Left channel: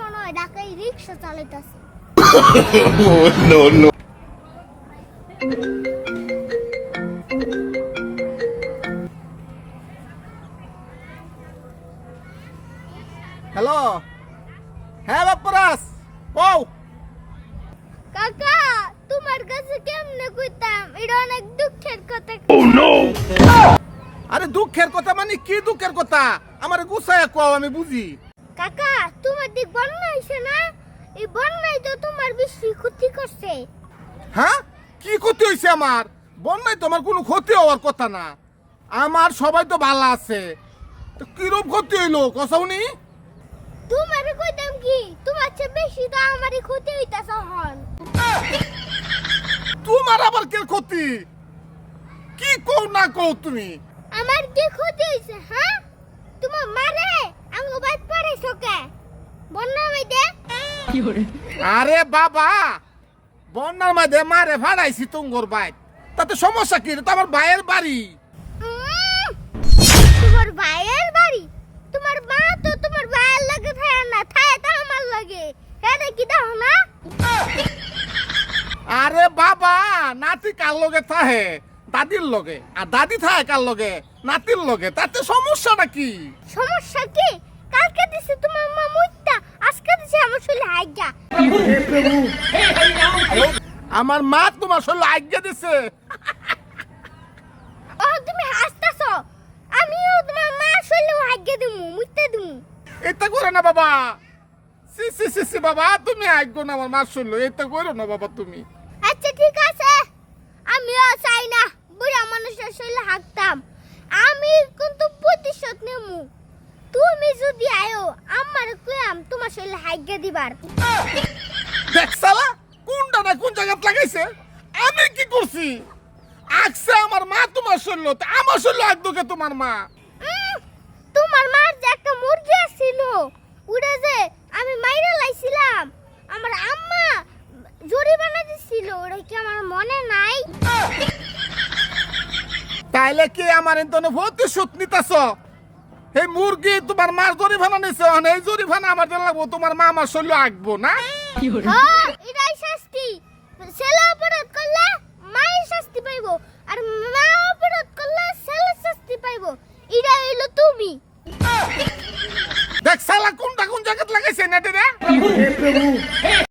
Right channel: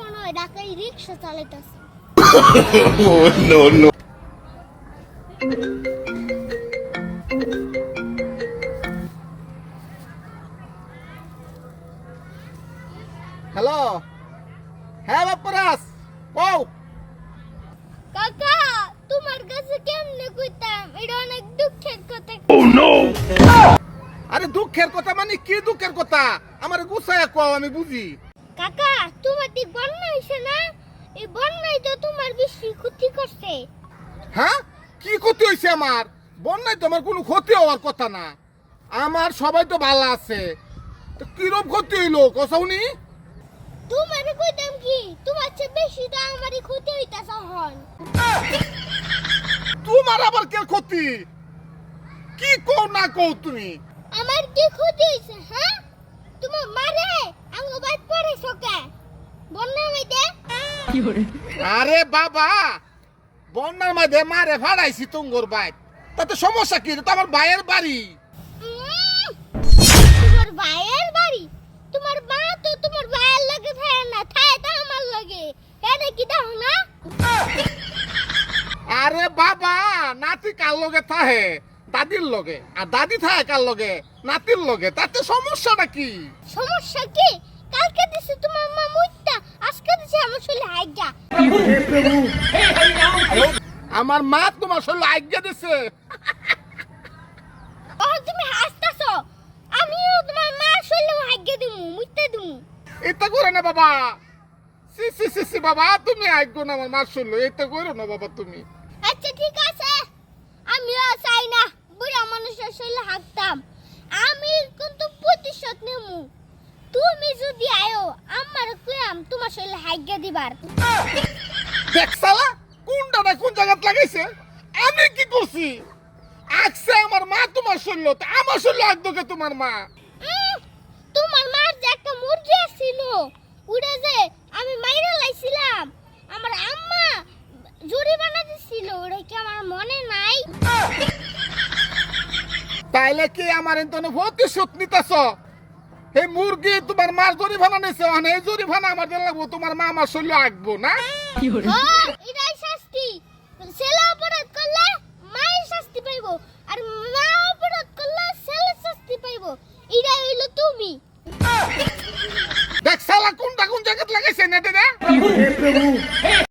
মনে হয় ঢাকায় রিক্সা চালাইতাছে। No, no. হ্যালো, হ্যাঁ বাপ্পারাস, কও। কাকা তোমার কাছে কেমনে কইতাম, এটা অনেক দুঃখের কথা। Oh no! আরে দুঃখের কথা মানে কি দুঃখের কথা? আমার গুছায় কও, আমি বুঝি। কাকা তোমার দিক বন্যা হইছে না? এই বন্যাই তো তোমার বেশি ক্ষতি করছে। হ্যাঁ, কি ক্ষতি হয়েছে আমার? বন্যায় তো আমার কোনো ক্ষতি হওয়ার কথা না। আমার সবাই তো ভালো আছে, তো কিরকম ক্ষতি হইলো কসাউনি? তোমার কইতাম কি, তোমার চেয়ে বেশি তো আমারই ক্ষতি হইতাছে হন। তোমার আবার কে ক্ষতি? কি কও না কও তুমি? আমার কি ক্ষতি হইছে? হ্যাঁ, তোমার মারে আমি বাইক পড়েছো কে বন্যা হইতে? আরে বাবা, বন্যার মধ্যে মারে ভাড়াইছি তুঙ্গর বাইক, তাতে সমস্যা কি? এটা তো আমার ভাইয়ের বাড়ি। তোমার ভাইয়ের বাড়ি? তোমার মা তো তোমার ভাইয়ের লাগে থাকে না, থাকে তো আমার লাগে। এটা কি দাও না? আরে বাবা, নাতি কার লগে থাহে? দাদির লগে। আর দাদি থাকে কার লগে? নাতির লগে। তাতে সমস্যাটা কি? সমস্যা কি? কালকে দিছে তোমার মা মুইতা, আজকে দিছে আমার শরীরে হাইগা। আমার মা তোমার শরীরে আজ্ঞা দিছে? ও তুমি হাসতাছো? আমিও তোমার মা শরীরে হাইগা দিমু, মুইতা দিমু। এটা করে না বাবা। সি সি সি সি বাবা, তুমি আজ্ঞা না আমার মা শরীরে, এটা করো না বাবা তুমি। আচ্ছা ঠিক আছে, আমিও চাই না বুড়া মানুষের শরীরে হাঁকতাম। আমি কিন্তু প্রতিশোধ নেমু। তুমি যদি আয়ো আমার কইয়াম তোমার শরীরে হাইগা দিবার। দেখ শালা, কোনটা না কোন জায়গাত লাগাইছে? আমি কি করছি? আজকে আমার মা তোমার শরীরে, তা আমার শরীরে আজ্ঞা তোমার মা। তোমার মার যে একটা মুরগি ছিল, উড়ে যে আমি মাইরে লাইছিলাম, আমার আম্মা জরিমানা দিছিল, ওটা কি আমার মনে নাই? তাইলে কি আমার এন্তনে প্রতিশোধ নিতেছ? এই মুরগি তোমার মার জরিমানা নিছে, এই জরিমানা আমার দেন লাগবো, তোমার মা আমার শরীরে আঁকবো না? হ্যাঁ, এটাই শাস্তি। ছেলে অপরাধ করলে মায়ের শাস্তি পাইবো, আর মা অপরাধ করলে ছেলে শাস্তি পাইবো। এটা হইলো তুমি। দেখ শালা, কোনটা কোন জায়গাত লাগাইছে নেটে রে?